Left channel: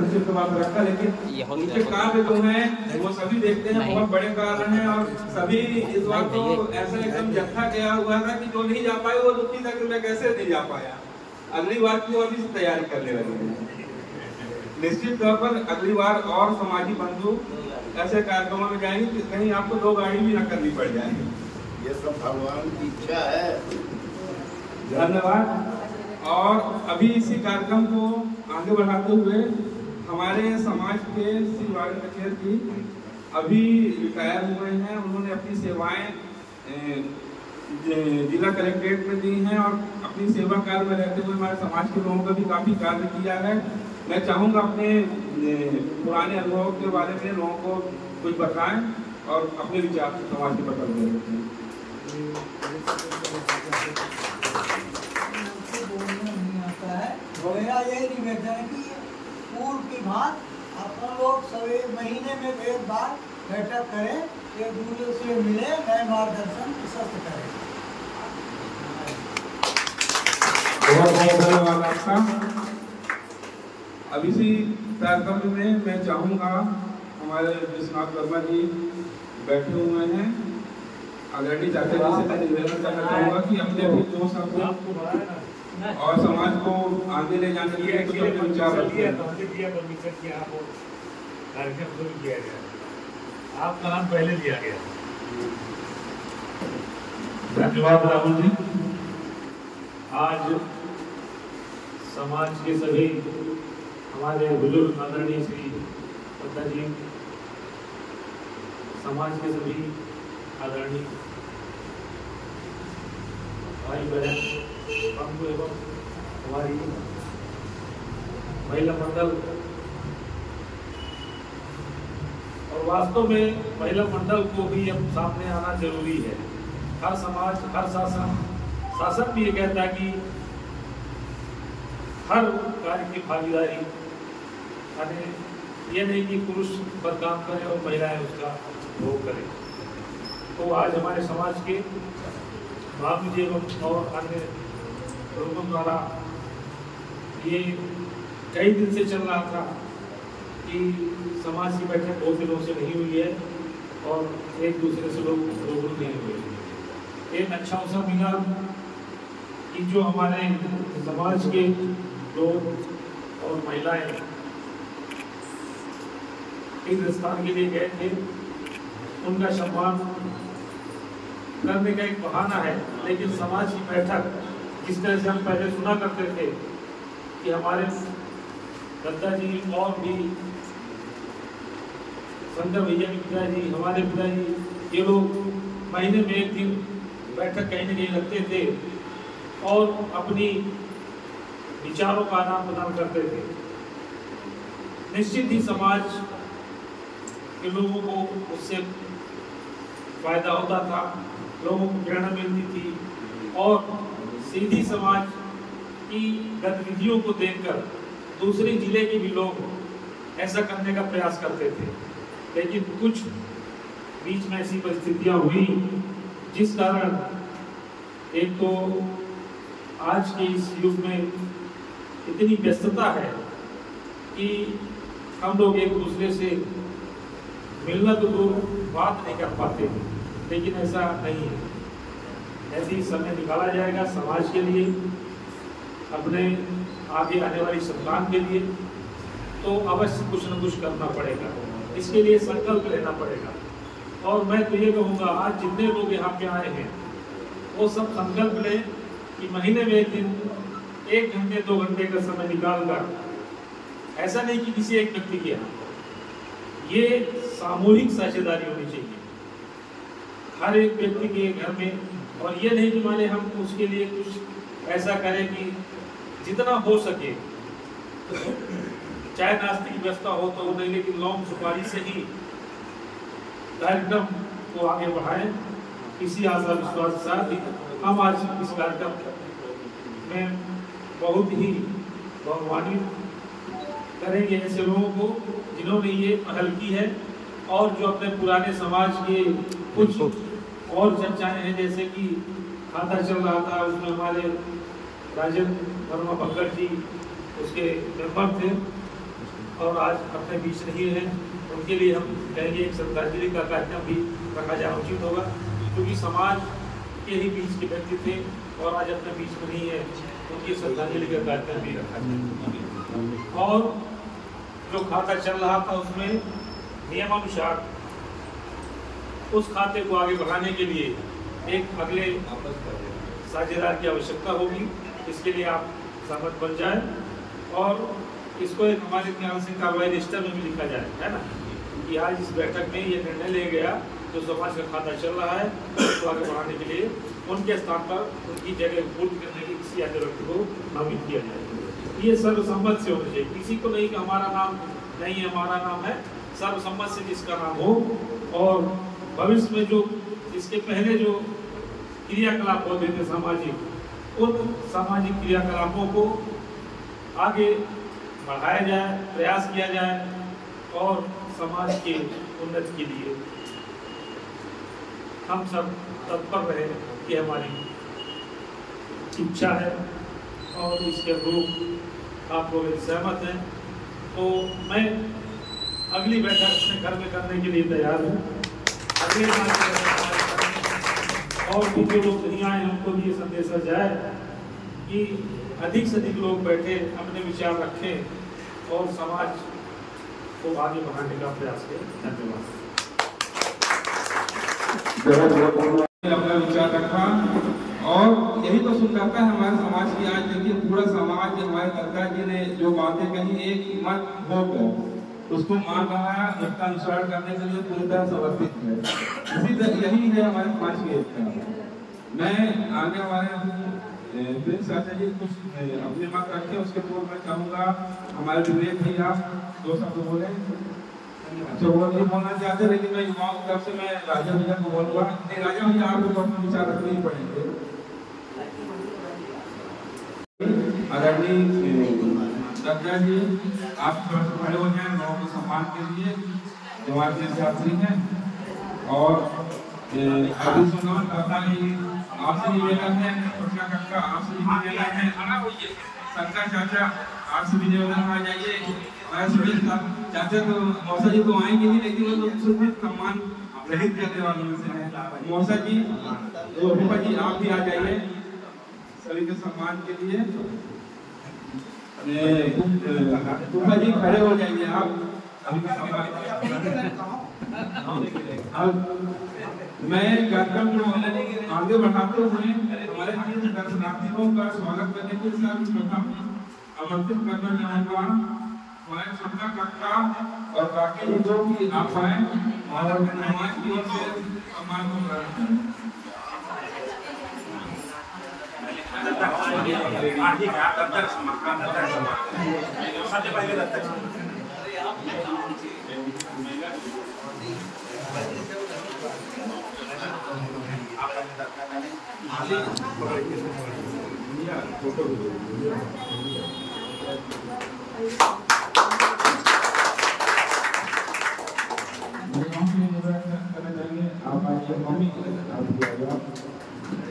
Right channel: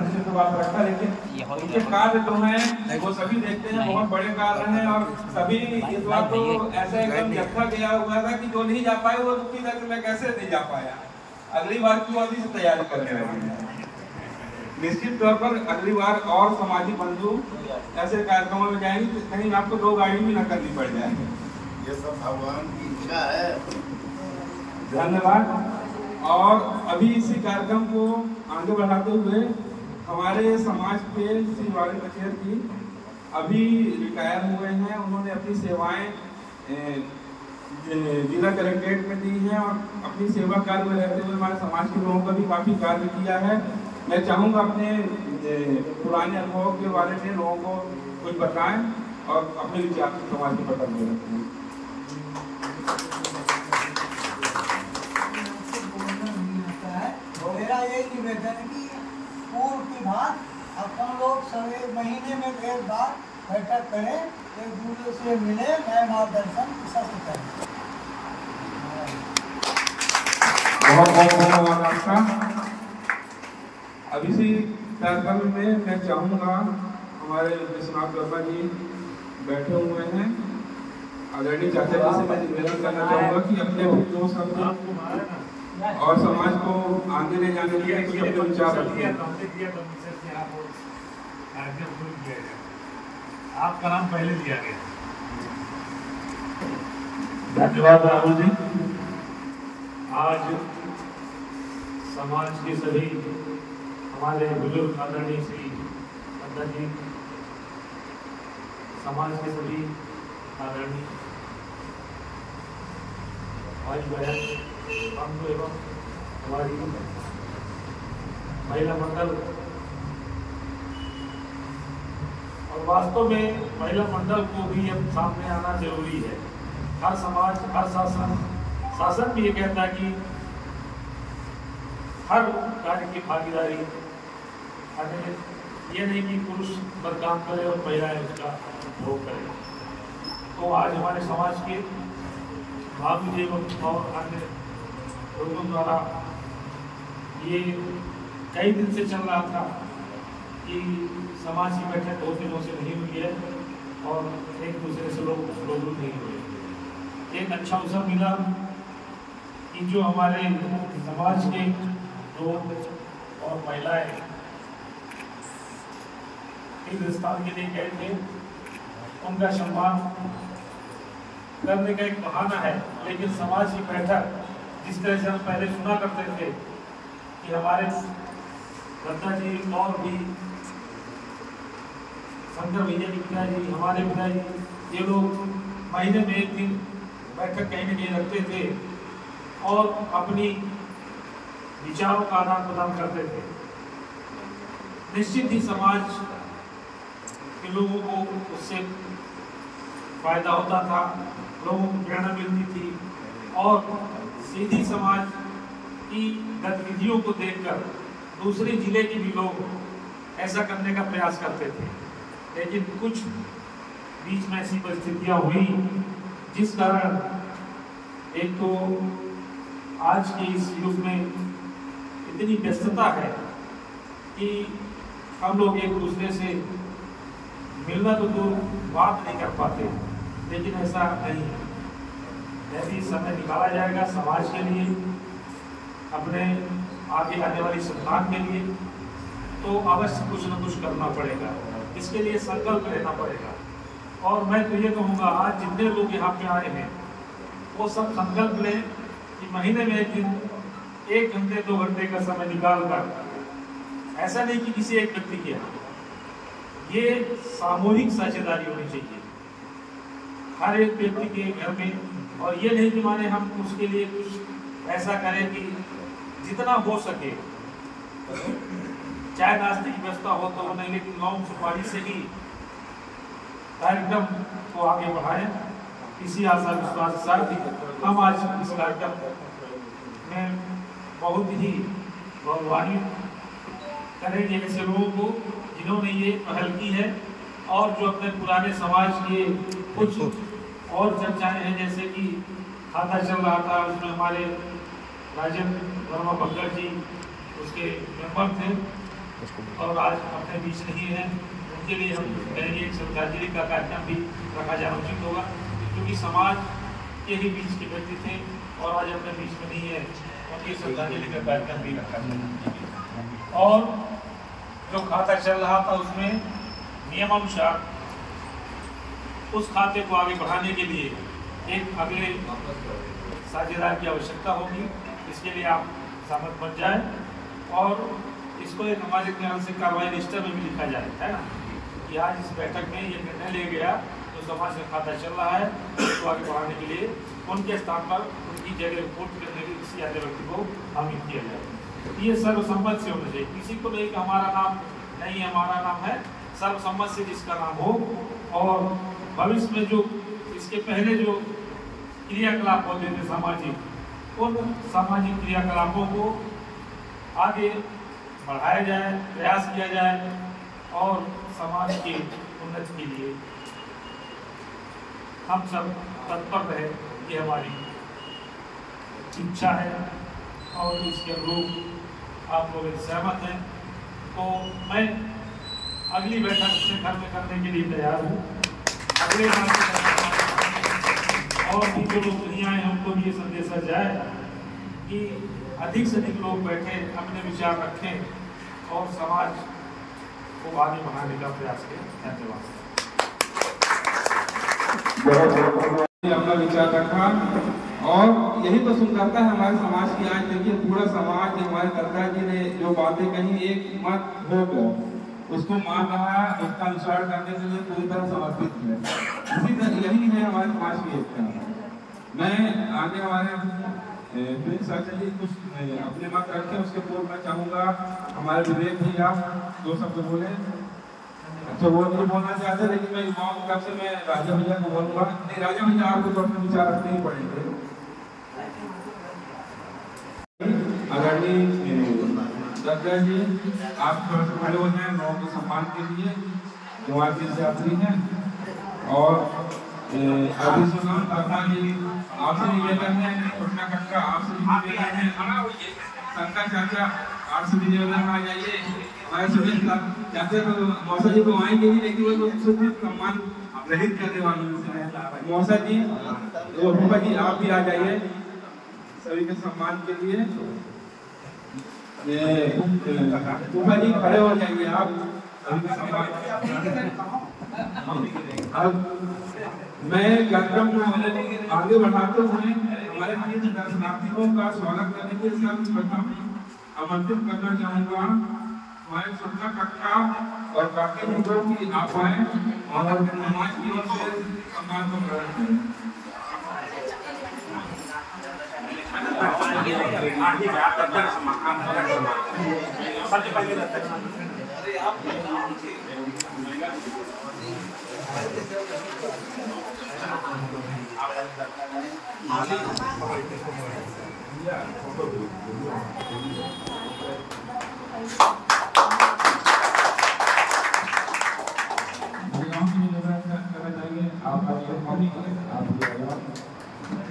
तो बात रखता, लेकिन उनके कार्य जो हैं वो सभी देखते हैं, बहुत बड़े कार्य हैं। और सभी इस बात को ऐसा एकदम रखा गया हुआ था कि जो नहीं जा पाए वो दुखी था कि मैं कैसे नहीं जा पाया, अगली बार क्यों अभी से तैयारी करने लगे। निश्चित तौर पर अगली बार और समाजी बंधु ऐसे कार्यक्रमों में जाएंगे कहीं आपको 2 गाड़ी भी न करनी पड़ जाए। ये सब भगवान की इच्छा है। धन्यवाद। और अभी इसी कार्यक्रम को आगे बढ़ाते हुए हमारे समाज के श्री वाणी कचेर की अभी रिटायर हुए हैं, उन्होंने अपनी सेवाएं जिला कलेक्ट्रेट में दी हैं और अपनी सेवा कार्य में रहते हुए हमारे समाज के लोगों का भी काफ़ी कार्य किया है। मैं चाहूँगा अपने पुराने अनुभवों के बारे में लोगों को कुछ बताएं और अपने विचार समाज के पटल में रखें। मेरा यही निवेदन है कि पूर्व की बात अपन लोग सवेरे महीने में एक बार बैठक करें, एक दूसरे से मिले, नए मार्गदर्शन प्रशस्त करें। बहुत बहुत धन्यवाद आपका। अब इसी कार्यक्रम में मैं चाहूँगा हमारे विश्वनाथ वर्मा जी बैठे हुए हैं, आदरणीय चाचा जी से मैं निवेदन करना चाहूँगा कि अपने अपने 2 शब्द और समाज को आगे ले जाने के लिए कुछ अपने विचार कार्यक्रम शुरू किया गया, आपका नाम पहले दिया गया। धन्यवाद राहुल जी। आज समाज के सभी हमारे बुजुर्ग आदरणीय श्री दत्ता जी, समाज के सभी आदरणीय भाई बहन बंधु एवं हमारी महिला मंडल, और वास्तव में महिला मंडल को भी अब सामने आना जरूरी है। हर समाज, हर शासन भी ये कहता है कि हर कार्य की भागीदारी, ये नहीं कि पुरुष बस काम करे और महिलाएं उसका उपभोग करें। तो आज हमारे समाज के बाबू जी और अन्य लोगों द्वारा ये कई दिन से चल रहा था कि समाज की बैठक 2 दिनों से नहीं हुई है और एक दूसरे से लोग रूबरू नहीं हुए। एक अच्छा अवसर मिला कि जो हमारे समाज के लोग और महिलाएं इस स्थान के लिए गए थे, उनका सम्मान करने का एक बहाना है। लेकिन समाज की बैठक जिस तरह से हम पहले सुना करते थे कि हमारे दत्ता जी और भी शंकर भैया के पिताजी, हमारे पिताजी, ये लोग महीने में 1 दिन बैठक कहीं न कहीं रखते थे और अपनी विचारों का आदान प्रदान करते थे। निश्चित ही समाज के लोगों को उससे फायदा होता था, लोगों को प्रेरणा मिलती थी और सीधी समाज की गतिविधियों को देखकर दूसरे जिले के भी लोग ऐसा करने का प्रयास करते थे। लेकिन कुछ बीच में ऐसी परिस्थितियां हुई जिस कारण एक तो आज के इस युग में इतनी व्यस्तता है कि हम लोग एक दूसरे से मिलना तो दूर बात नहीं कर पाते, लेकिन ऐसा नहीं है। ऐसे समय निकाला जाएगा समाज के लिए, अपने आगे आने वाली संतान के लिए, तो अवश्य कुछ न कुछ करना पड़ेगा। इसके लिए संकल्प लेना पड़ेगा। और मैं तो ये कहूँगा, आज जितने लोग यहाँ पे आए हैं वो सब संकल्प लें कि महीने में 1 दिन 1 घंटे 2 घंटे का समय निकाल कर, ऐसा नहीं कि किसी एक व्यक्ति के यहाँ, ये सामूहिक साझेदारी होनी चाहिए हर एक व्यक्ति के घर में। और ये नहीं कि माने हम उसके लिए कुछ ऐसा करें कि जितना हो सके, चाहे नाश्ते की व्यवस्था हो तो नहीं, लेकिन लौंग सुपारी से ही कार्यक्रम को आगे बढ़ाएं। इसी आशा विश्वास के साथ हम आज इस कार्यक्रम में बहुत ही सम्मानित करेंगे ऐसे लोगों को जिन्होंने ये पहल की है और जो अपने पुराने समाज के कुछ और चर्चाएं हैं, जैसे कि खाता चल रहा था उसमें हमारे राजन वर्मा पंकज जी उसके मेंबर थे, और आज अपने बीच नहीं है, उनके लिए हम कहेंगे एक श्रद्धांजलि का कार्यक्रम भी रखा जाना उचित होगा, क्योंकि समाज के ही बीच के व्यक्ति थे और आज अपने बीच में नहीं है, उनकी श्रद्धांजलि का कार्यक्रम भी रखा जाए। और जो खाता चल रहा था उसमें नियमानुसार उस खाते को आगे बढ़ाने के लिए एक अगले साझेदार की आवश्यकता होगी। इसके लिए आप सहमत बन जाए और इसको एक हमारे ख्याल से कार्रवाई रजिस्टर में भी लिखा जाए, है ना, कि आज इस बैठक में ये निर्णय लिया गया जो समाज का खाता चल रहा है उसको आगे बढ़ाने के लिए उनके स्थान पर उनकी जगह पूर्ति करने की किसी अन्य व्यक्ति को नामित किया जाए। ये सर्वसम्मत से होना चाहिए, किसी को नहीं कि हमारा नाम नहीं है, हमारा नाम है, सर्वसम्मत से जिसका नाम हो। और भविष्य में जो इसके पहले जो क्रियाकलाप होते थे सामाजिक, उन सामाजिक क्रियाकलापों को आगे बढ़ाया जाए, प्रयास किया जाए और समाज की उन्नति के लिए हम सब तत्पर रहे कि हमारी इच्छा है और इसके अनुरूप आप लोग सहमत हैं। तो मैं अगली बैठक अपने घर में करने के लिए तैयार हूँ। और भी जो लोग नहीं आए हमको ये संदेशा जाए कि अधिक से अधिक लोग बैठे अपने विचार रखें और समाज को आगे बढ़ाने का प्रयास करें। धन्यवाद। अपना विचार रखा और यही तो सुंदरता है हमारे समाज की। आज देखिए पूरा समाज हमारे दादा जी ने जो बातें कही, एक मत हो उसको मान रहा है, उसका अनुसरण करने के लिए पूरी तरह समर्पित है। इसी तरह यही है हमारे समाज की एकता। मैं आने वाले चाचा जी कुछ अपने मत रखे, उसके पूर्व मैं चाहूँगा हमारे विवेक भैया दो शब्द बोले। अच्छा वो नहीं बोलना चाहते, लेकिन मैं युवाओं की तरफ से मैं राजा भैया को बोलूँगा। नहीं राजा भैया आपको तो अपने विचार रखने ही पड़ेंगे। आदरणीय दादा जी आप खड़े हो जाए गाँव के सम्मान के लिए, जो हमारे छात्री हैं। और अभी सुना दादा जी आपसे निवेदन है, छोटा कक्का आपसे निवेदन है, शंकर चाचा आपसे भी निवेदन आ जाइए। हमारे सभी चाहते तो मौसा जी तो आएंगे नहीं, लेकिन वो तो सम्मान रहित करने वालों में से है। मौसा जी तो रूपा जी आप भी आ जाइए सभी के सम्मान के लिए। रूपा जी खड़े हो जाइए आप अभी अब मैं कार्यक्रम को आगे बढ़ाते हुए हमारे दर्शनार्थियों का स्वागत करने के साथ आमंत्रित करना चाहूँगा हमारे छोटा कक्का और काके जो भी आप आए और समाज की ओर से सम्मान को ग्रहण करें।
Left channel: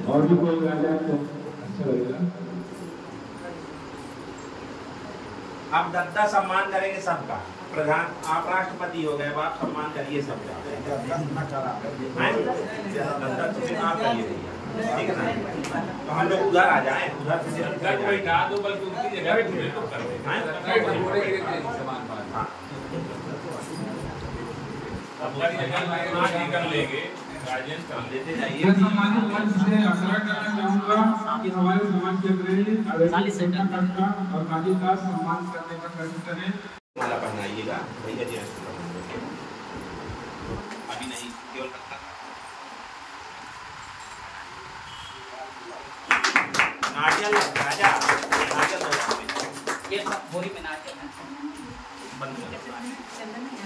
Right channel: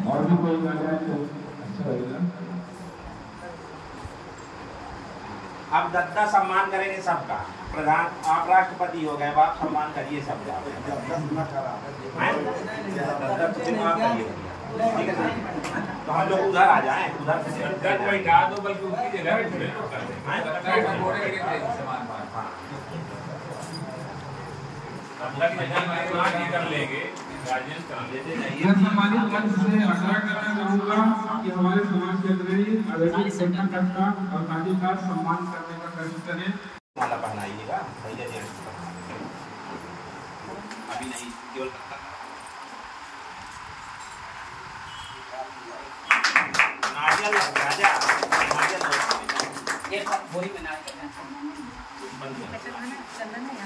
और भी कोई आ जाए तो अच्छा लगेगा। आप दत्ता सम्मान करेंगे सबका। प्रधान आप राष्ट्रपति हो गए, आप सम्मान करिए सबका। ठीक है ना, तो हम लोग उधर आ जाएं, उधर बैठा दो बल्कि उनकी जगह कर लेंगे। ये सम्मानित मंच से आग्रह करना चाहूँगा कि हमारे समाज के अग्रणी कक्का और काकी का सम्मान करने का कष्ट करें। माला पहनाइएगा भैया जी, अभी नहीं केवल नारियल राजा, नारियल ये बोरी में नारियल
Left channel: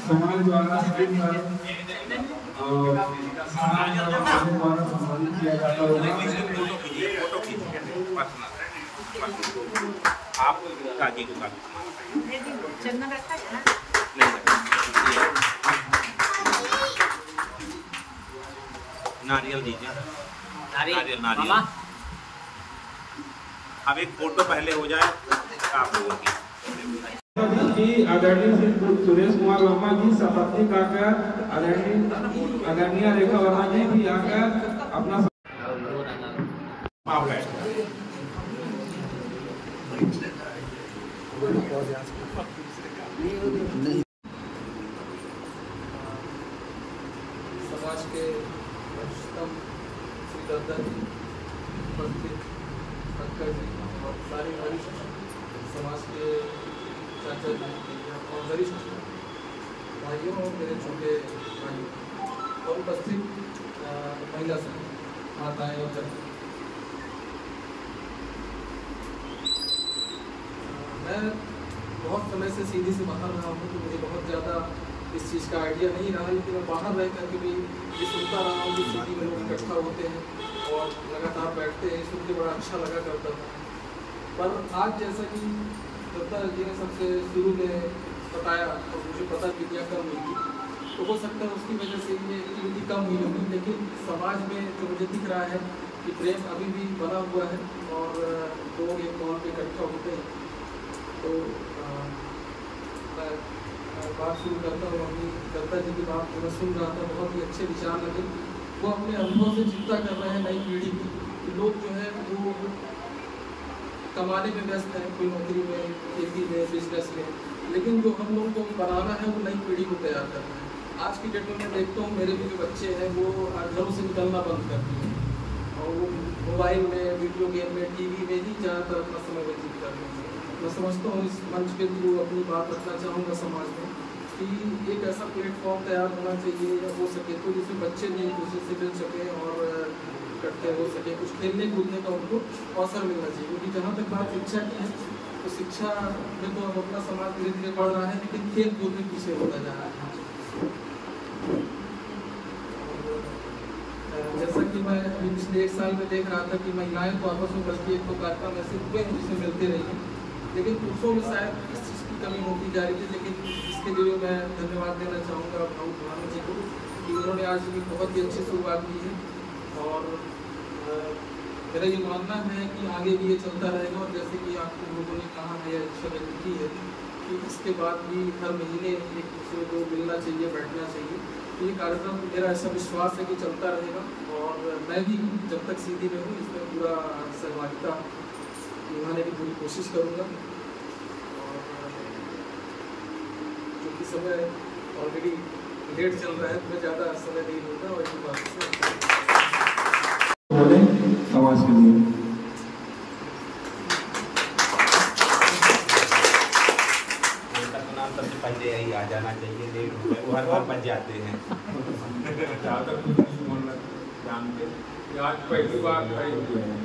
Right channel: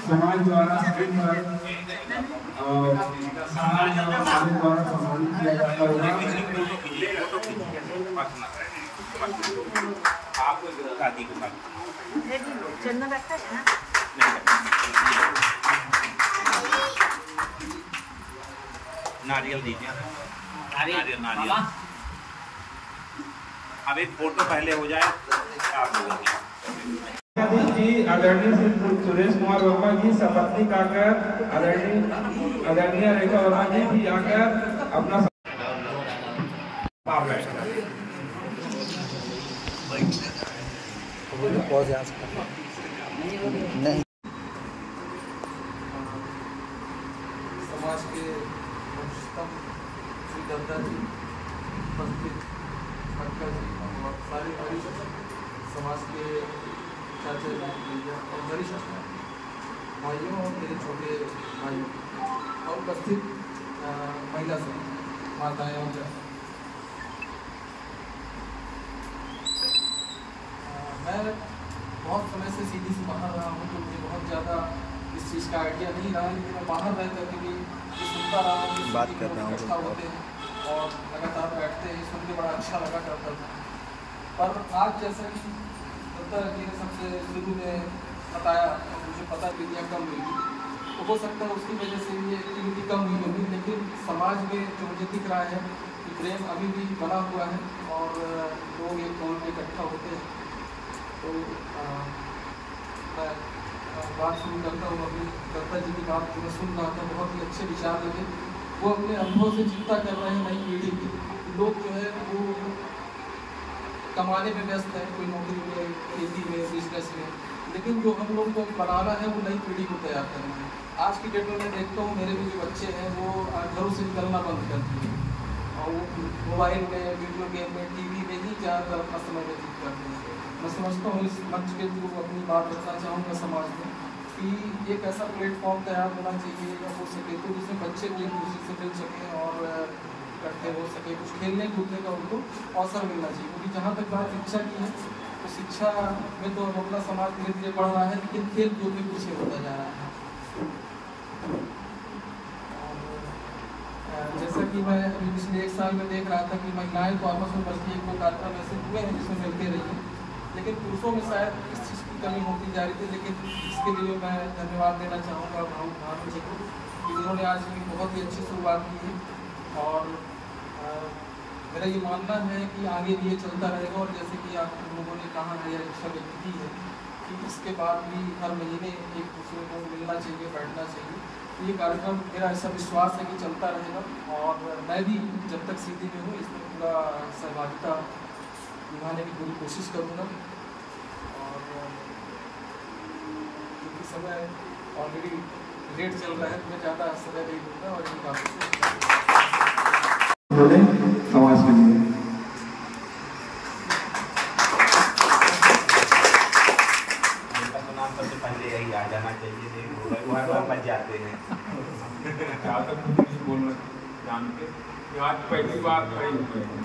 समाज द्वारा सम्मानित किया जाता आप काजी को चंदन रखा है नारियल दीजिए, नारियल नारियल। अब एक फोटो पहले हो जाए आप लोगों की। जी आदरणीय श्री सुरेश कुमार वर्मा जी सपत्नीक आकर आदरणीय रेखा वर्मा जी भी आकर अपना नहीं समाज के अष्टम श्री दत्ता जी उपस्थित अक्का जी और सारे वरिष्ठ समाज के चाचा जी और वरिष्ठ भाइयों और मेरे छोटे भाइयों और उपस्थित महिला से माताएं और मैं बहुत समय से सीधी से बाहर रहा हूँ तो मुझे बहुत ज़्यादा इस चीज़ का आइडिया नहीं रहा, लेकिन मैं बाहर रह करके भी ये सुनता रहा हूँ, बात कर रहा हूँ, इकट्ठा होते हैं और लगातार बैठते हैं, सुन के बड़ा अच्छा लगा करता था। पर आज जैसा कि दत्ता जी ने सबसे शुरू में बताया तो मुझे पता चलिया कम हुई थी, तो हो सकता है उसकी वजह से ये एक्टिविटी कम हुई होगी, लेकिन समाज में जो मुझे दिख रहा है कि प्रेम अभी भी बना हुआ है और लोग एक कॉल पर इकट्ठा होते हैं। तो बात शुरू करता हूँ। अभी दत्ता जी की बात मैं सुन रहा था, बहुत ही अच्छे विचार लगे। वो अपने अनुभव से चिंता कर रहे हैं नई पीढ़ी की। लोग जो है वो कमाने में व्यस्त है, कोई नौकरी में, खेती में, बिजनेस में, लेकिन जो हम लोग को बनाना है वो नई पीढ़ी को तैयार करना है। आज की डेट में मैं देखता हूँ मेरे भी जो बच्चे हैं वो घरों से निकलना बंद कर दिए और वो मोबाइल में, वीडियो गेम में, टीवी में ही ज़्यादातर अपना समय व्यतीत करते हैं। मैं समझता हूँ इस मंच के थ्रू अपनी बात रखना चाहूँगा समाज में कि एक ऐसा प्लेटफॉर्म तैयार होना चाहिए जो हो सके तो जिसमें बच्चे भी एक दूसरे से मिल सकें और इकट्ठे हो सके, कुछ खेलने कूदने का उनको अवसर मिलना चाहिए। क्योंकि जहाँ तक बात शिक्षा की है तो शिक्षा में तो अपना समाज धीरे धीरे बढ़ रहा है, लेकिन खेल कूद भी पीछे होता जा रहा है। जैसा कि मैं अभी पिछले 1 साल में देख रहा था कि महिलाएं तो आपस में बल्कि 1-2 कार्यक्रम ऐसे हुए हैं जिसमें मिलते रही हैं, लेकिन पुरुषों में शायद इस चीज़ की कमी होती जा रही थी। लेकिन इसके लिए मैं धन्यवाद देना चाहूँगा भानु जी को कि उन्होंने आज भी बहुत ही अच्छी शुरुआत की है और मेरा ये मानना है कि आगे भी ये चलता रहेगा। और जैसे कि आप लोगों ने कहा है, इच्छा व्यक्त की है कि इसके बाद भी हर महीने एक दूसरे को मिलना चाहिए, बैठना चाहिए। तो ये कार्यक्रम मेरा ऐसा विश्वास है कि चलता रहेगा और मैं भी जब तक सीधी में हूँ इसमें पूरा सहभागिता निभाने की पूरी कोशिश करूँगा। क्योंकि समय ऑलरेडी लेट चल रहा है तो मैं ज़्यादा समय नहीं दूँगा और इसी बात से बोले समाज के लिए। नाम सबसे पहले यही आ जाना चाहिए, वो हर बार बच जाते हैं। ज़्यादा बोलना जानते आज पहली बार खड़े हुए हैं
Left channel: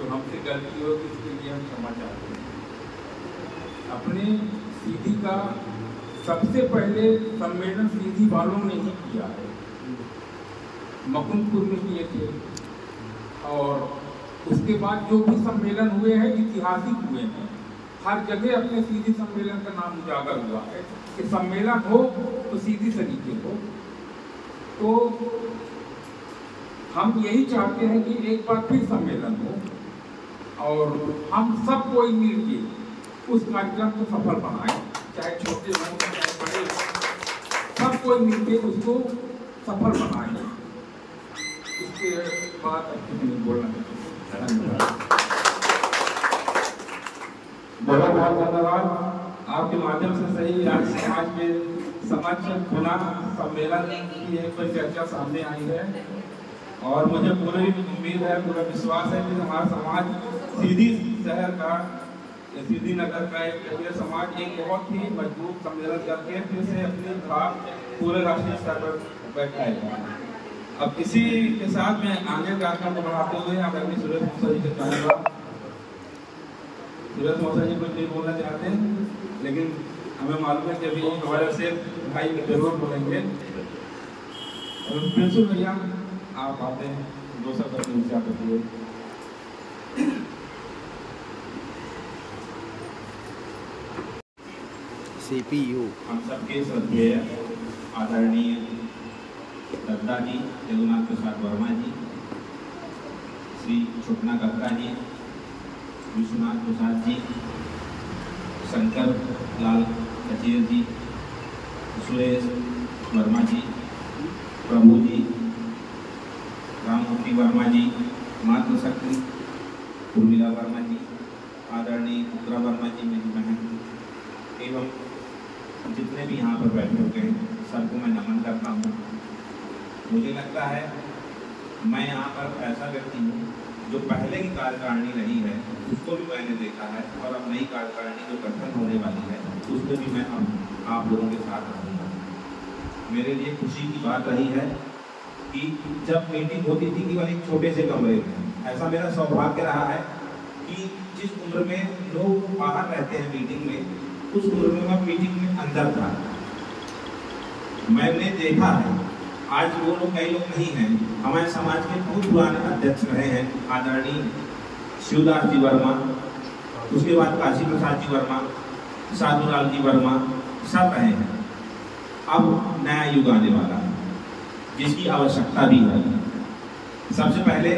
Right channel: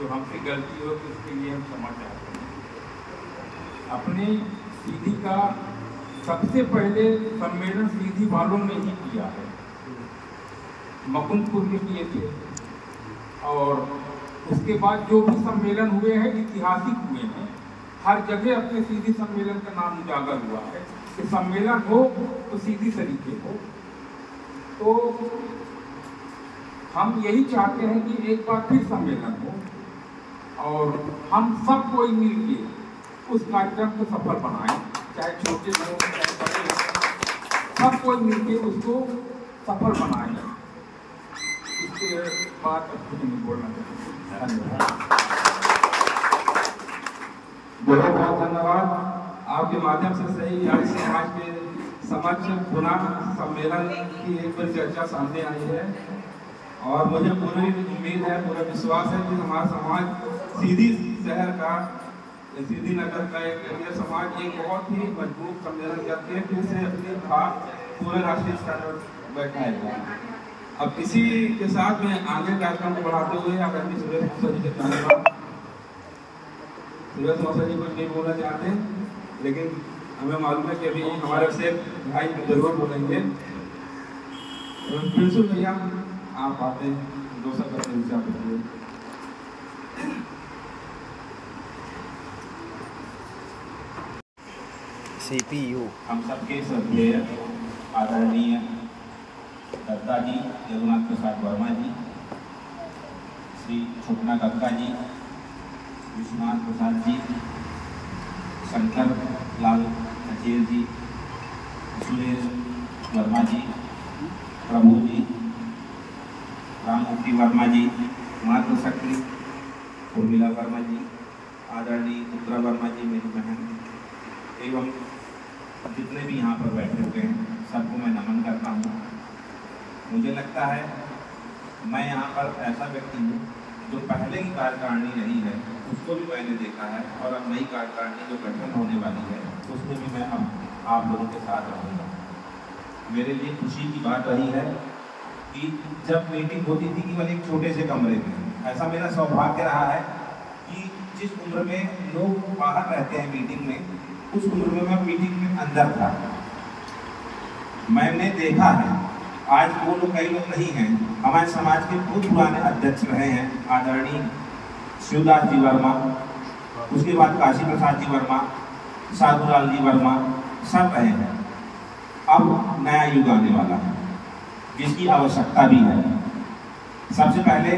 तो हमसे गलती होगी, इसके लिए हम क्षमा चाहते हैं। अपनी सीधी का सबसे पहले सम्मेलन सीधी वालों ने ही किया है, मुकुंदपुर में किए थे और उसके बाद जो भी सम्मेलन हुए हैं ऐतिहासिक हुए हैं। हर जगह अपने सीधी सम्मेलन का नाम उजागर हुआ है कि सम्मेलन हो तो सीधी तरीके हो। तो हम यही चाहते हैं कि एक बार फिर सम्मेलन हो और हम सब कोई मिलकर उस कार्यक्रम को सफल बनाएं, चाहे छोटे हो चाहे बड़े हो, सब कोई मिलकर उसको सफल बनाएं। इसके बाद कुछ नहीं बोलना। धन्यवाद, बहुत बहुत धन्यवाद। आपके माध्यम से सही आज समाज के समक्ष पुनः सम्मेलन की एक बार चर्चा सामने आई है और मुझे पूरी उम्मीद है, पूरा विश्वास है कि हमारा समाज सीधी शहर का, सीधी नगर का एक समाज एक बहुत ही मजबूत सम्मेलन करके फिर से अपनी धार पूरे राष्ट्रीय स्तर पर बैठाएगा। अब इसी के साथ में आगे कार्यक्रम को बढ़ाते हुए आदरणीय सुरेश मौसा जी से चाहूँगा। सुरेश मौसा जी कुछ नहीं बोलना चाहते, लेकिन हमें मालूम है कि अभी हमारे से भाई जरूर बोलेंगे। प्रिंसिपल भैया आप आते हैं, 2 शब्द अपने विचार रखिए। CPU हम सबके श्रद्धेय आदरणीय दत्ता जी, जगन्नाथ प्रसाद वर्मा जी, श्री स्वप्ना दत्ता जी, विश्वनाथ प्रसाद जी, शंकर लाल कचेर जी, सुरेश वर्मा जी, प्रभु जी, राममूर्ति वर्मा जी, मातृशक्ति उर्मिला वर्मा जी, आदरणीय उत्तरा वर्मा जी मेरी बहन, एवं जितने भी यहाँ पर बैठे हुए हैं सबको मैं नमन करता हूँ। मुझे लगता है मैं यहाँ पर ऐसा व्यक्ति हूँ जो पहले की कार्यकारिणी रही है उसको भी मैंने देखा है, और अब नई कार्यकारिणी जो गठन होने वाली है उसमें भी मैं अब आप लोगों के साथ रहूँगा। मेरे लिए खुशी की बात रही है कि जब मीटिंग होती थी केवल एक छोटे से कमरे में, ऐसा मेरा सौभाग्य रहा है कि जिस उम्र में लोग बाहर रहते हैं मीटिंग में, उस उम्र में मैं मीटिंग में अंदर था। मैंने देखा है, आज वो लोग कई लोग नहीं हैं, हमारे समाज के बहुत पुराने अध्यक्ष रहे हैं आदरणीय शिवदास जी वर्मा, उसके बाद काशी प्रसाद जी वर्मा, साधुलाल जी वर्मा, सब रहे हैं। अब नया युग आने वाला है जिसकी आवश्यकता भी है। सबसे पहले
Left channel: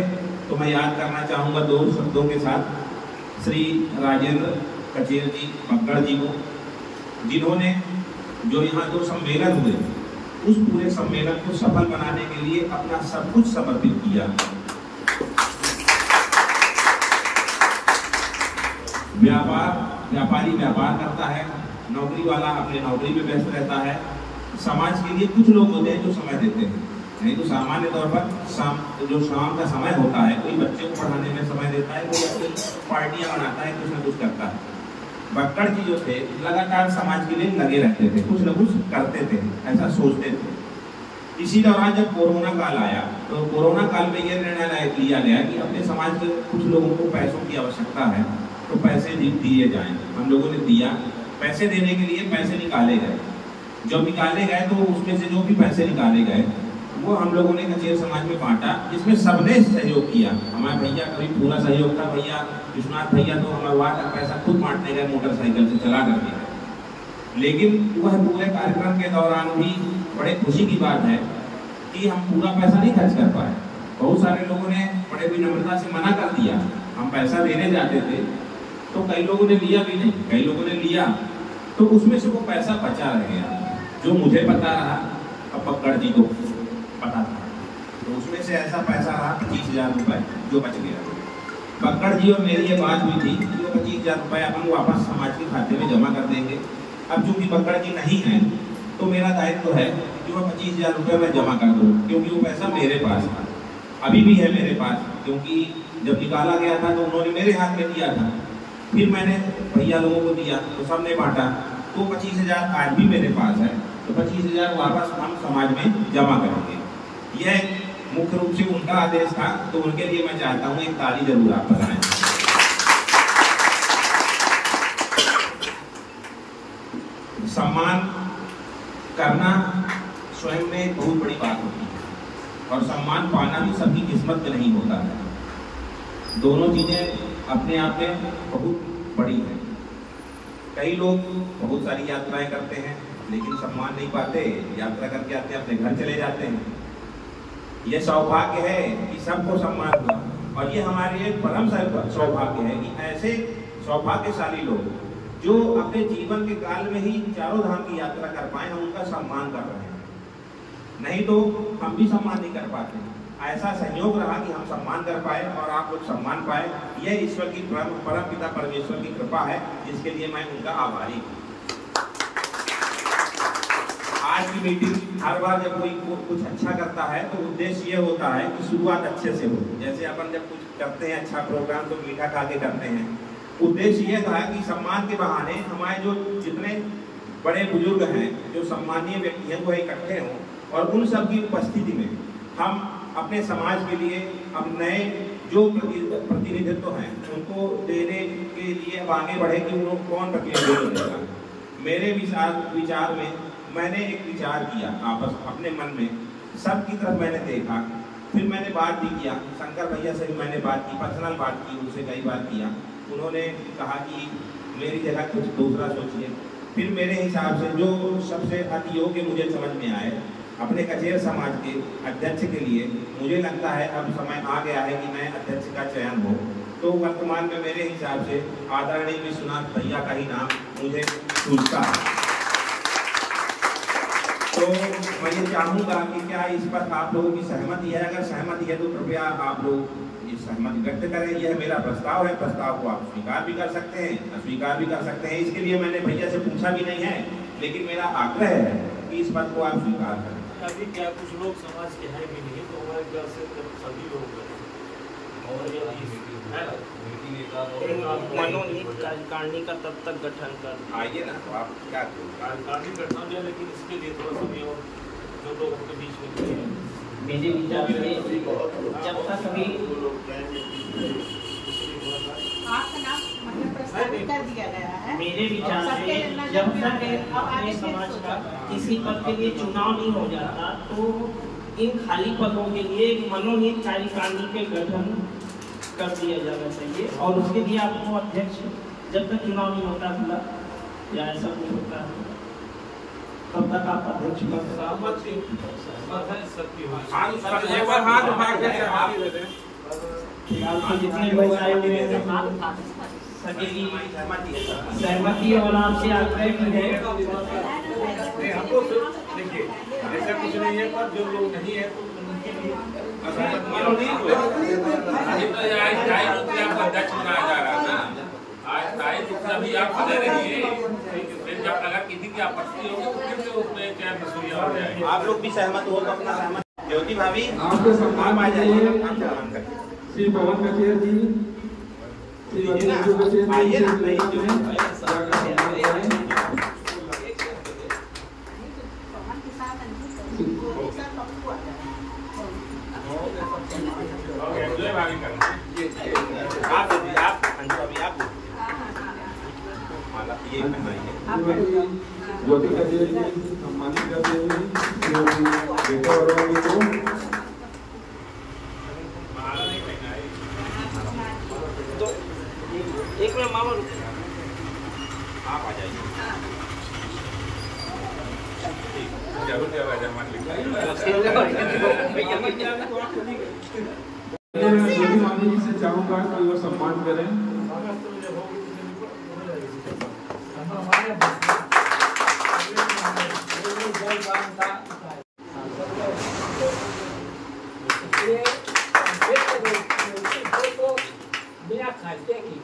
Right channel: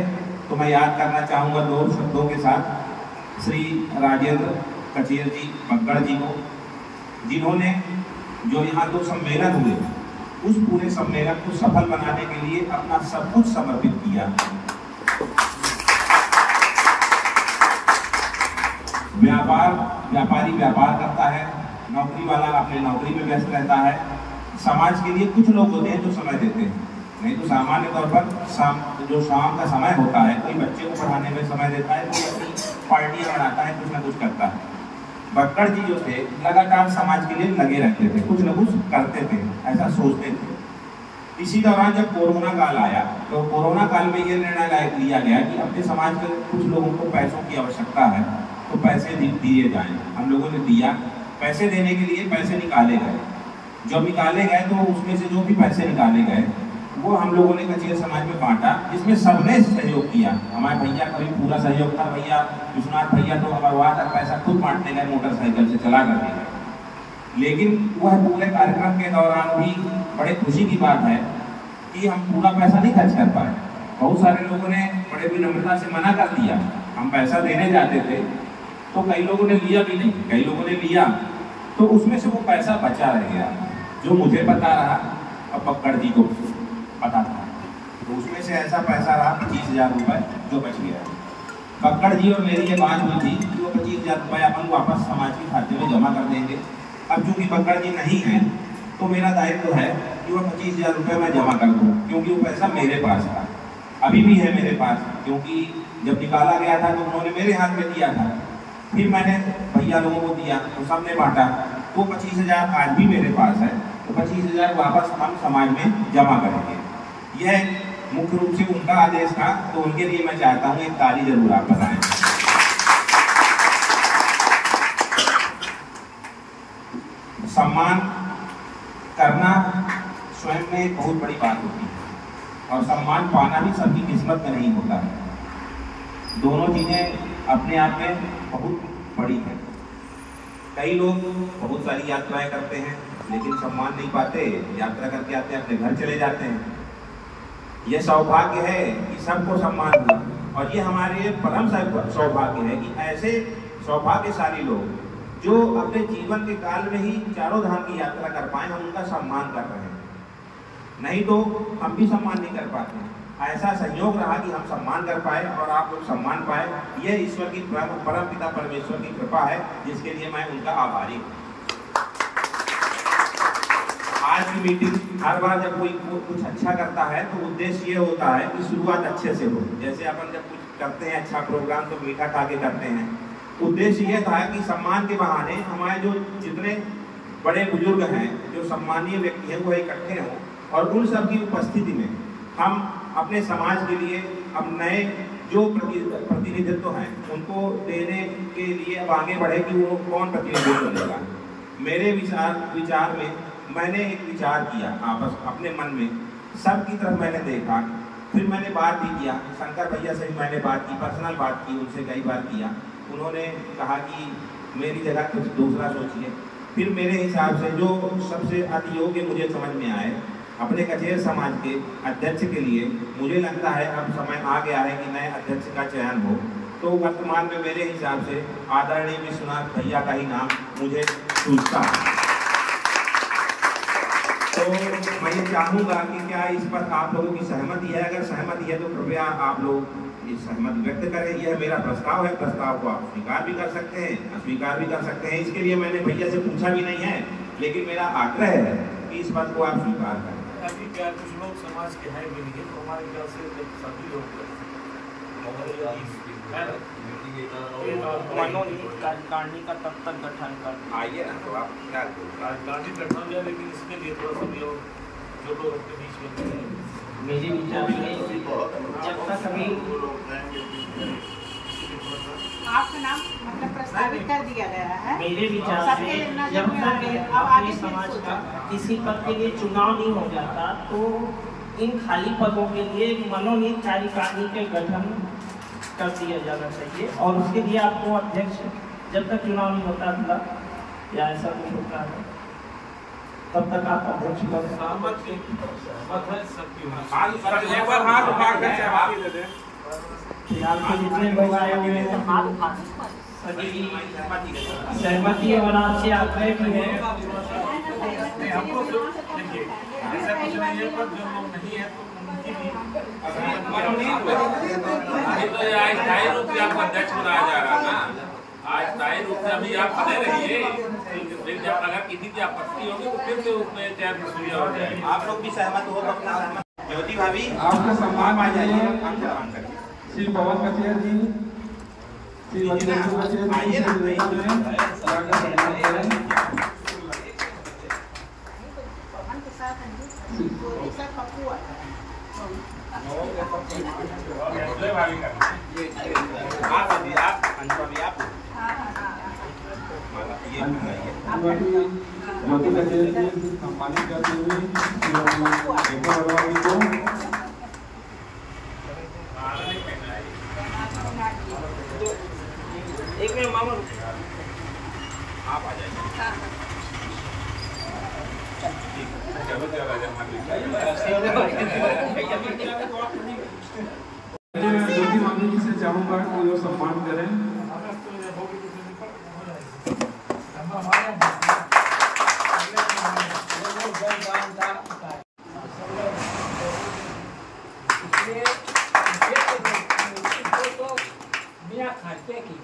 तो मैं याद करना चाहूँगा दो शब्दों के साथ श्री राजेंद्र कचेर जी बक्कड़ जी को, जिन्होंने जो यहाँ दो सम्मेलन हुए उस पूरे सम्मेलन को सफल बनाने के लिए अपना सब कुछ समर्पित किया। व्यापारी व्यापार करता है, नौकरी वाला अपने नौकरी में व्यस्त रहता है। समाज के लिए कुछ लोग होते हैं जो समय देते हैं, नहीं तो सामान्य तौर पर जो शाम का समय होता है, कोई बच्चे को पढ़ाने में समय देता है, कोई अपनी पार्टियां बनाता है, कुछ ना कुछ करता है। बक्कड़ जी जो थे लगातार समाज के लिए लगे रहते थे, कुछ न कुछ करते थे, ऐसा सोचते थे। इसी दौरान जब कोरोना काल आया तो कोरोना काल में ये निर्णय लिया गया कि अपने समाज के कुछ लोगों को पैसों की आवश्यकता है तो पैसे दिए जाएं। हम लोगों ने दिया, पैसे देने के लिए पैसे निकाले गए। जब निकाले गए तो उसमें से जो भी पैसे निकाले गए वो हम लोगों ने कचेर समाज में बांटा, जिसमें सबने सहयोग किया। हमारे भैया का भी पूरा सहयोग था, भैया विश्वनाथ भैया तो अमरवाद तक पैसा खुद बांटने गए मोटरसाइकिल से चला करके। लेकिन वह पूरे कार्यक्रम के दौरान भी बड़े खुशी की बात है कि हम पूरा पैसा नहीं खर्च कर पाए। बहुत सारे लोगों ने बड़े विनम्रता से मना कर दिया, हम पैसा देने जाते थे तो कई लोगों ने लिया भी नहीं, कई लोगों ने लिया तो उसमें से वो पैसा बचा रह गया जो मुझे पता रहा और बक्कड़ जी को पता था। तो उसमें से ऐसा पैसा रहा 25,000 रुपये जो बच गया। बक्कड़ जी और मेरी ये बात हुई थी कि वो 25,000 रुपये अपन वापस समाज के खाते में जमा कर देंगे। अब चूँकि बक्कड़ जी नहीं है तो मेरा दायित्व है कि वो 25,000 रुपये मैं जमा कर दूँ, क्योंकि वो पैसा मेरे पास था, अभी भी है मेरे पास, क्योंकि जब निकाला गया था तो उन्होंने मेरे हाथ में दिया था, फिर मैंने भैया लोगों को दिया तो सबने बांटा, तो 25,000 आज भी मेरे पास है, तो 25,000 वापस हम समाज में जमा करेंगे। यह मुख्य रूप से उनका आदेश था, तो उनके लिए मैं चाहता हूँ एक ताली जरूर आप बताएं। सम्मान करना स्वयं में एक बहुत बड़ी बात होती है और सम्मान पाना भी सबकी किस्मत में नहीं होता है। दोनों चीजें अपने आप में बहुत बड़ी हैं। कई लोग बहुत सारी यात्राएं करते हैं लेकिन सम्मान नहीं पाते, यात्रा करके आते अपने घर चले जाते हैं। यह सौभाग्य है कि सबको सम्मान हुआ, और ये हमारे लिए परम सौभाग्य है कि ऐसे सौभाग्यशाली लोग जो अपने जीवन के काल में ही चारों धाम की यात्रा कर पाए, हम उनका सम्मान कर रहे हैं। नहीं तो हम भी सम्मान नहीं कर पाते। ऐसा सहयोग रहा कि हम सम्मान कर पाए और आप लोग सम्मान पाए, यह ईश्वर की परम पिता परमेश्वर की कृपा है, जिसके लिए मैं उनका आभारी हूँ। आज की मीटिंग हर बार जब कोई कुछ अच्छा करता है तो उद्देश्य ये होता है कि शुरुआत अच्छे से हो। जैसे अपन जब कुछ करते हैं अच्छा प्रोग्राम तो मीठा खा के करते हैं, उद्देश्य ये था कि सम्मान के बहाने हमारे जो जितने बड़े बुजुर्ग हैं, जो सम्मानीय व्यक्ति हैं, वो इकट्ठे हों और उन सब की उपस्थिति में हम अपने समाज के लिए अब नए जो प्रतिनिधित्व हैं उनको देने के लिए अब आगे बढ़े कि वो कौन प्रतिनिधित्व देगा। मेरे विचार में मैंने एक विचार किया अपने मन में, सबकी तरफ मैंने देखा, फिर मैंने बात भी किया, शंकर भैया से भी मैंने बात की, पर्सनल बात की, उनसे कई बार किया। उन्होंने कहा कि मेरी जगह कुछ दूसरा सोचिए। फिर मेरे हिसाब से जो सबसे अति योग्य मुझे समझ में आए अपने कचेर समाज के अध्यक्ष के लिए, मुझे लगता है अब समय आ गया है कि नए अध्यक्ष का चयन हो। तो वर्तमान में मेरे हिसाब से आदरणीय विश्वनाथ भैया का ही नाम मुझे सूझता है। तो मैं ये चाहूँगा कि क्या इस पर आप लोगों की सहमति है? अगर सहमति है तो कृपया आप लोग इस सहमति व्यक्त करें। यह मेरा प्रस्ताव है, प्रस्ताव को आप स्वीकार भी कर सकते हैं, अस्वीकार भी कर सकते हैं। इसके लिए मैंने भैया से पूछा भी नहीं है, लेकिन मेरा आग्रह है कि इस बात को आप स्वीकार करें। अभी क्या कुछ लोग समाज के हैं भी नहीं, तो हमारे ख्याल से सभी लोग मनोनीत कार्यकारिणी का तब तक गठन कर आइए ना, तो आप क्या कार्यकारिणी गठन किया, लेकिन इसके लिए थोड़ा सा भी और जो लोग अपने बीच में मेरे विचार से जब तक अभी आपका नाम मतलब प्रस्तावित कर दिया गया है। मेरे विचार से जब तक अपने समाज का किसी पद के लिए चुनाव नहीं हो जाता, तो इन खाली पदों के लिए एक मनोनीत कार्यकारिणी के गठन कर दिया जाना चाहिए। और उसके लिए आपको अध्यक्ष, जब तक चुनाव नहीं होता खुला या ऐसा नहीं होता है, तब तक आप अध्यक्ष का जितने लोग आए हुए हैं सभी की सहमति और आपसे आग्रह की है। हमको तो देखिए ऐसा कुछ नहीं है, पर जो लोग नहीं है तो उनकी भी अस्थायी रूप से आपका अध्यक्ष बनाया जा रहा है ना, अस्थायी रूप से अभी आप बने रहिए। जब अगर किसी की आपत्ति होगी तो फिर से उसमें चयन प्रक्रिया हो जाएगी। आप लोग भी सहमत हो अपना। ज्योति भाभी आपको सम्मान आ जाइए। श्री पवन कचेर जी, श्री मंजू कचेर जी, ज्योति कचेर जी सम्मानित करते हुए तो एक मिनट मामा आप आ जाइए। मामी जी से चाहूँगा कि वो सम्मान करें। बिना खर्चे की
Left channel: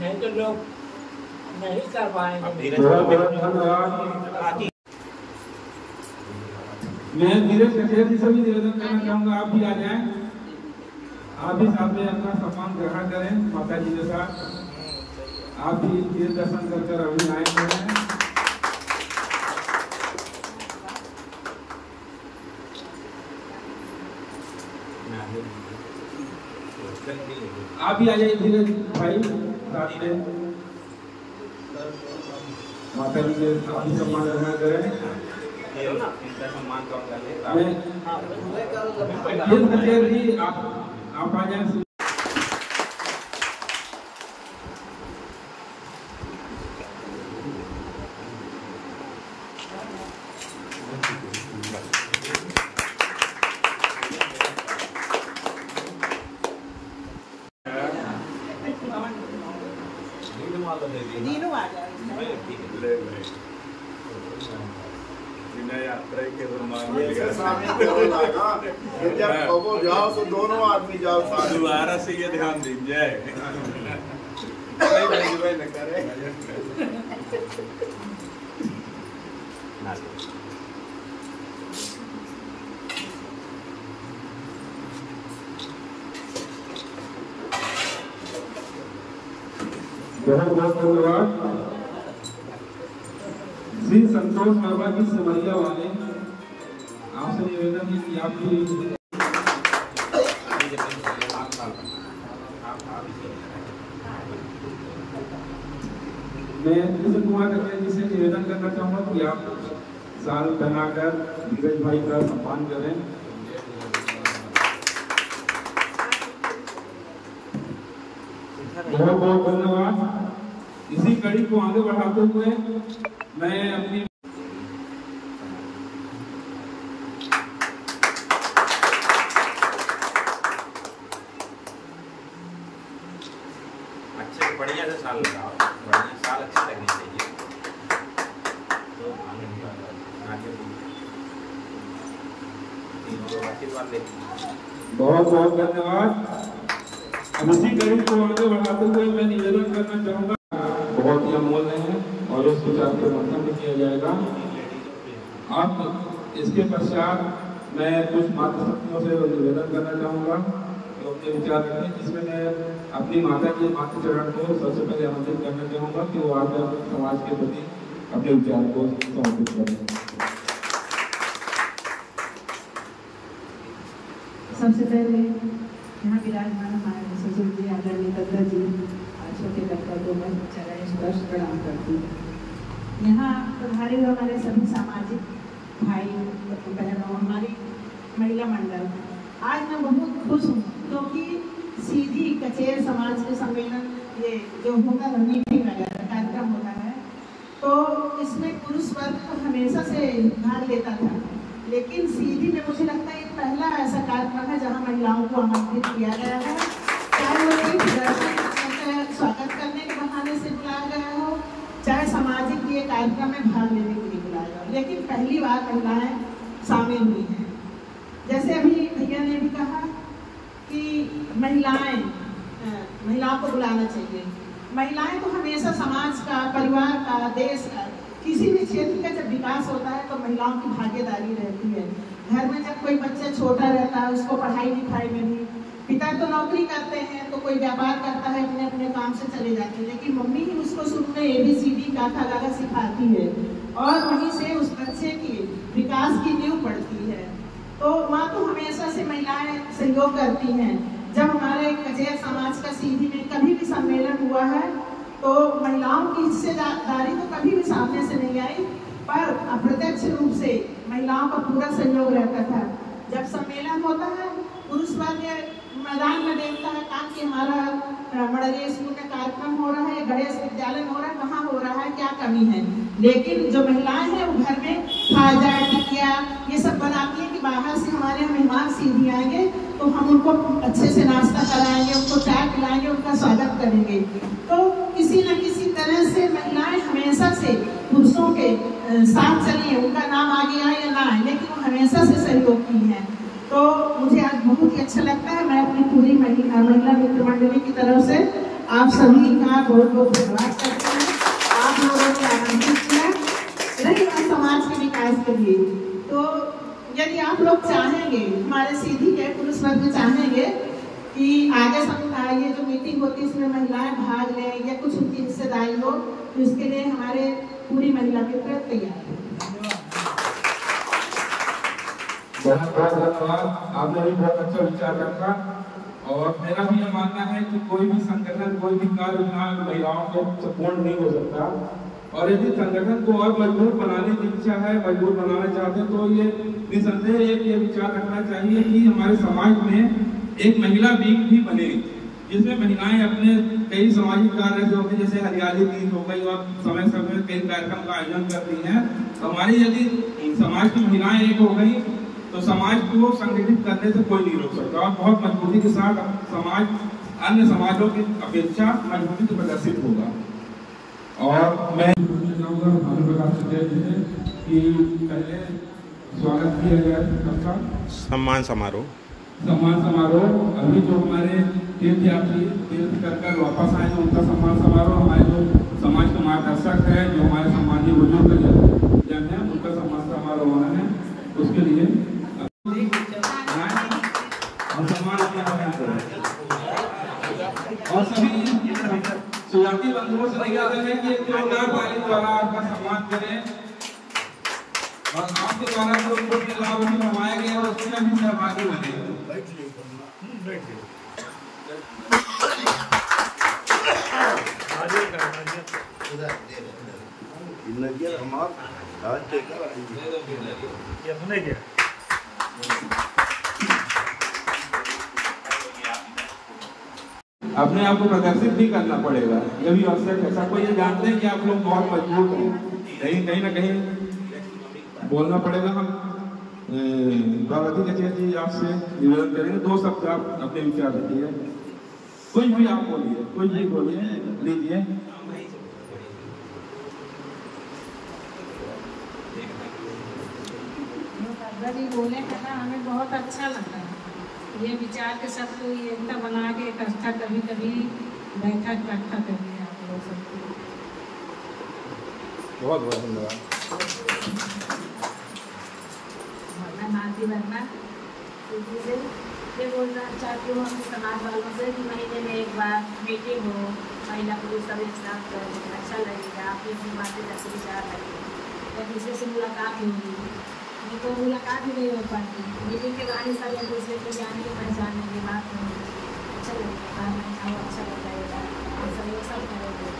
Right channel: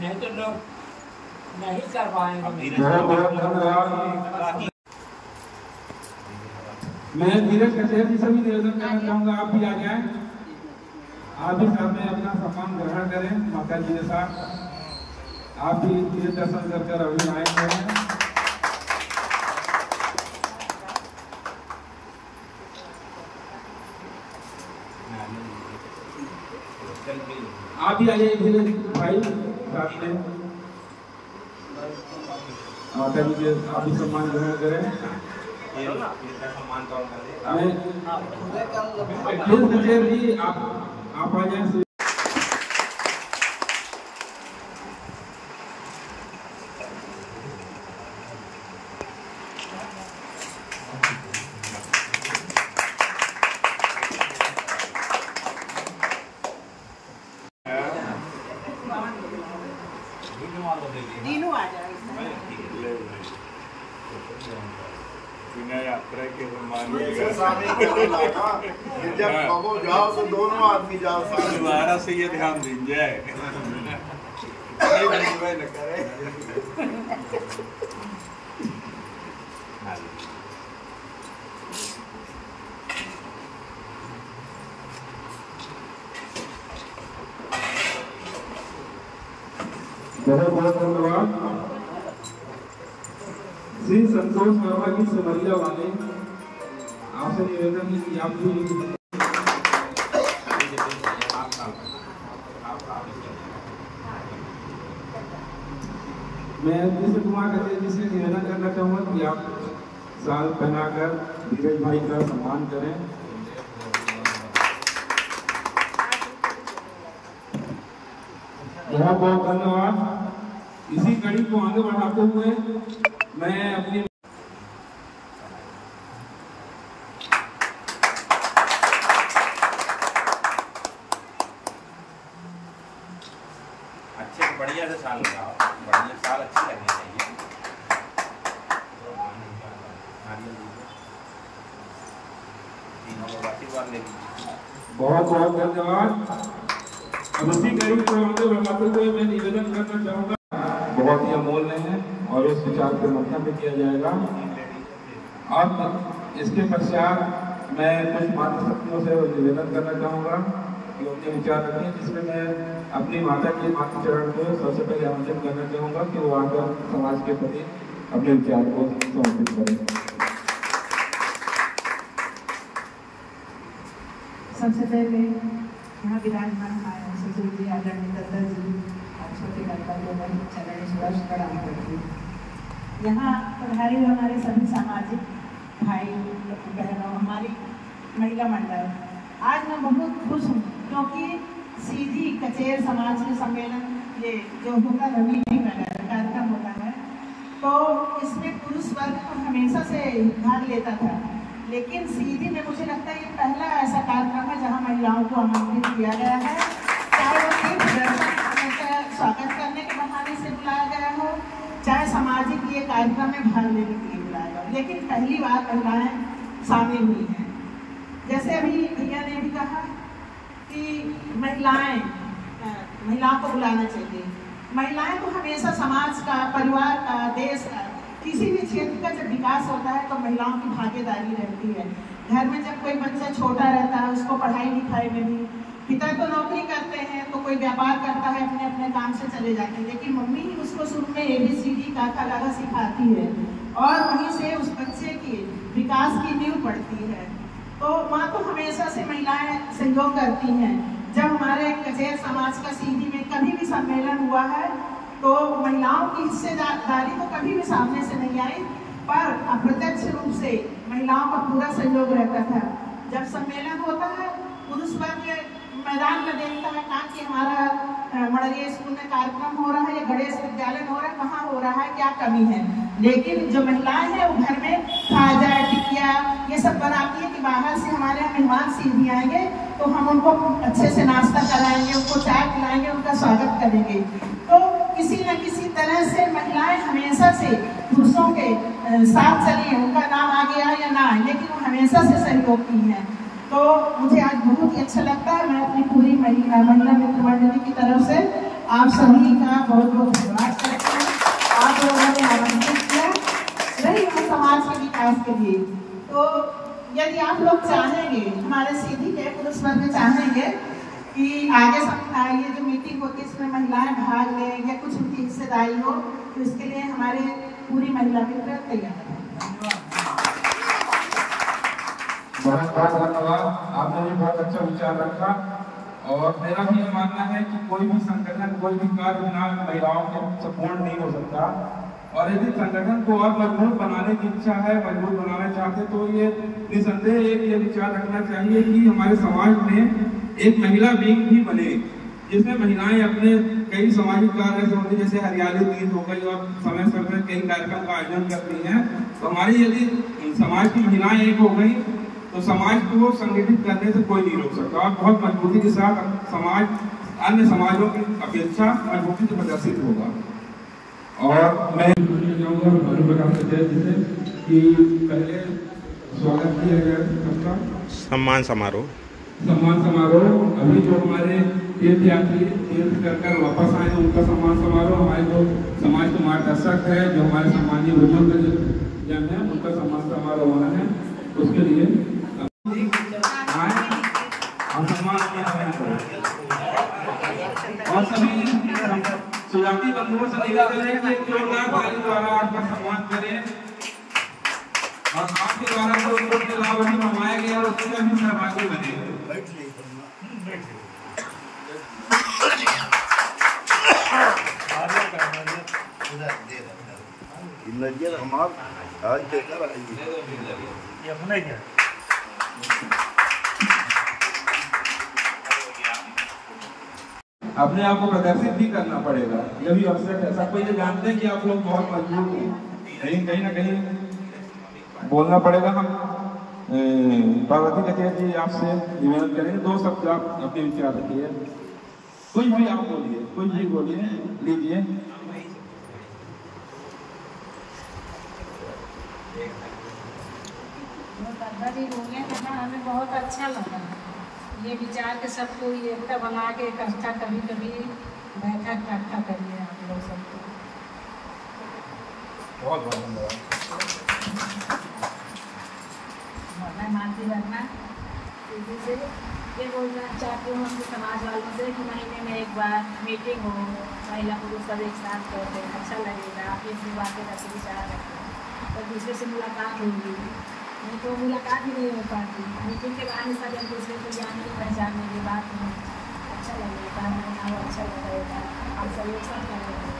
नहीं तो लोग नहीं कर पाएंगे। मैं धीरज कचेर जी से भी निवेदन करना चाहूँगा, आप भी आ जाएं, आप भी साथ में अपना सम्मान ग्रहण करें। माता जी के साथ आप भी तीर्थ दर्शन करते अभी आए हुए हैं। आप भी आ जाइए धीरज भाई साथ में। माता जी के आप भी सम्मान ग्रहण करें। जी आप आ जाए। तीनों आ जाए। जब जाओ तो दोनों आदमी जाओ, दोबारा से ये ध्यान दीजिए जाए। बहुत बहुत धन्यवाद। श्री संतोष वर्मा जी सिमरिया वाले, आपसे निवेदन है कि आप भी मैं कृष्ण कुमार कचेर जी से निवेदन करना चाहूँगा कि आप साल बनाकर धीरज भाई का सम्मान करें। बहुत बहुत धन्यवाद। इसी कड़ी को आगे बढ़ाते हुए मैं अपनी अच्छे बढ़िया से साल लगाओ। चाहिए, साल अच्छी करनी चाहिए। बहुत बहुत धन्यवाद। इसी कड़ी को आगे बढ़ाते हुए मैं निवेदन करना चाहूँगा, बहुत ही अमूल्य है और इस विचार पर मंथन भी किया जाएगा। अब इसके पश्चात मैं कुछ मातृशक्तियों से निवेदन करना चाहूँगा कि अपने विचार रखें, जिसमें मैं अपनी माता की मातृचरण को सबसे पहले आमंत्रित करना चाहूँगा कि वो आकर समाज के प्रति अपने विचार को समर्पित करें। सबसे पहले यहाँ विराजमान हमारे ससुर जी आदरणीय दत्ता जी और छोटे कल्पा को मैं चरण स्पर्श प्रणाम करती हूँ। यहाँ पधारे हमारे सभी सामाजिक भाई बहनों, हमारी महिला मंडल, आज मैं बहुत खुश हूँ क्योंकि सीधी कचेर समाज के सम्मेलन ये जो होता रवि कार्यक्रम होता है, तो इसमें पुरुष वर्ग को हमेशा से भाग लेता था, लेकिन सीधी में मुझे लगता है ये पहला ऐसा कार्यक्रम है जहां महिलाओं को आमंत्रित किया गया है। चाहे वो सिर्फ दर्शक स्वागत करने के बहाने से बुलाया गया हो, चाहे सामाजिक ये कार्यक्रम में भाग लेने के लिए बुलाया गया, लेकिन पहली बार महिलाएं शामिल हुई हैं। जैसे अभी भैया ने भी कहा कि महिलाओं को बुलाना चाहिए। महिलाएं तो हमेशा समाज का, परिवार का, देश का, किसी भी क्षेत्र का जब विकास होता है तो महिलाओं की भागीदारी रहती है। घर में जब कोई बच्चा छोटा रहता है, उसको पढ़ाई लिखाई में भी, पिता तो नौकरी करते हैं तो कोई व्यापार करता है, अपने अपने काम से चले जाते हैं, लेकिन मम्मी ही उसको शुरू में ABCD काका गागा सिखाती है और वहीं से उस बच्चे की विकास की नींव पड़ती है। तो माँ तो हमेशा से महिलाएं सहयोग करती हैं। जब हमारे कचेर समाज का सीधी में कभी भी सम्मेलन हुआ है तो महिलाओं की हिस्सेदारी तो कभी भी सामने से नहीं आई, पर अप्रत्यक्ष रूप से महिलाओं का पूरा सहयोग रहता था। जब सम्मेलन होता है पुरुष वर्ग मैदान में देखता है कि हमारा मड़रिया स्कूल में कार्यक्रम हो रहा है या गणेश विद्यालय में हो रहा है, कहाँ हो रहा है, क्या कमी है, लेकिन जो महिलाएं हैं वो घर में खाजा टिकिया ये सब बनाती है कि बाहर से हमारे यहाँ मेहमान सीधी आएंगे तो हम उनको अच्छे से नाश्ता कराएंगे, उनको चाय पिलाएंगे, उनका स्वागत करेंगे। तो किसी न किसी तरह से महिलाएं हमेशा से पुरुषों के साथ चली, उनका नाम आगे आए या ना आए, लेकिन वो हमेशा से सहयोग की है। तो मुझे आज बहुत ही अच्छा लगता है। मैं अपनी पूरी महिला मित्र मंडली की तरफ से आप सभी का बहुत बहुत धन्यवाद करती हूँ। आप लोगों ने आमंत्रित किया रही समाज के विकास के लिए। तो यदि आप लोग चाहेंगे, हमारे सीधी के पुरुष वर्ग चाहेंगे कि आगे ये जो मीटिंग होती है इसमें महिलाएं भाग लें या कुछ उनकी हिस्सेदारी हो, तो इसके लिए हमारे पूरी महिला मित्र तैयार है। बहुत बहुत धन्यवाद। आपने भी बहुत अच्छा विचार रखा और मेरा भी यह मानना है कि कोई भी संगठन, कोई भी कार्य बिना महिलाओं के सपोर्ट नहीं हो सकता। और यदि संगठन को और मजबूत बनाने की इच्छा है, मजबूत बनाना चाहते तो ये निसंदेह एक ये विचार रखना चाहिए कि हमारे समाज में एक महिला विंग भी बने, जिसमें महिलाएं अपने कई सामाजिक कार्य होते जैसे हरियाली तीज हो गई और समय समय कई कार्यक्रम का आयोजन करती हैं। तो हमारी यदि समाज की महिलाएं एक हो गई तो समाज को संगठित करने से कोई नहीं रोक सकता और बहुत मजबूती के साथ समाज अन्य समाजों की अपेक्षा मजबूती से प्रदर्शित होगा। और मैं कि पहले स्वागत किया गया सम्मान समारोह अभी जो हमारे तीर्थयात्री तीर्थ कर वापस आए हैं उनका सम्मान समारोह, हमारे जो समाज के मार्गदर्शक है, जो हमारे सामान्य बुजुर्ग जन है, उनका सम्मान समारोह होना है। उसके लिए और सभी सुजाती बंधुओं से निवेदन है कि एक जोरदार ताली द्वारा आपका सम्मान करें और आपके द्वारा जो उनको लाभ करवाया गया उसमें भी सहभागी बने। अपने आप को प्रदर्शित भी करना पड़ेगा, यह भी आवश्यक है। सबको ये जानते हैं कि आप लोग बहुत मजबूत हैं, कहीं ना कहीं बोलना पड़ेगा। पार्वती कचेर जी आपसे निवेदन करेंगे, 2 शब्द आप अपने विचार रखिए, कोई भी आप बोलिए, कोई भी बोलिए, लीजिए। दादा जी बोले हैं ना, हमें बहुत अच्छा लगा ये विचार के सबको एकता बना के इकट्ठा कभी कभी बैठक इकट्ठा करिए आप लोग सबको। बहुत बहुत धन्यवाद। मैं मानती वर्मा दीदी से ये बोलना चाहती हूँ अपने समाज वालों से कि महीने में एक बार मीटिंग हो, महिला पुरुष सब एक साथ बैठे, अच्छा लगेगा, अपनी अपनी बातें करके विचार रखें, एक दूसरे से मुलाकात होगी, नहीं तो मुलाकात ही नहीं हो पाती। मीटिंग के बहाने सब एक दूसरे को जाने पहचानने की बात है, अच्छा लगेगा, महिलाओं अच्छा लगेगा, हम सब ये सब करेंगे।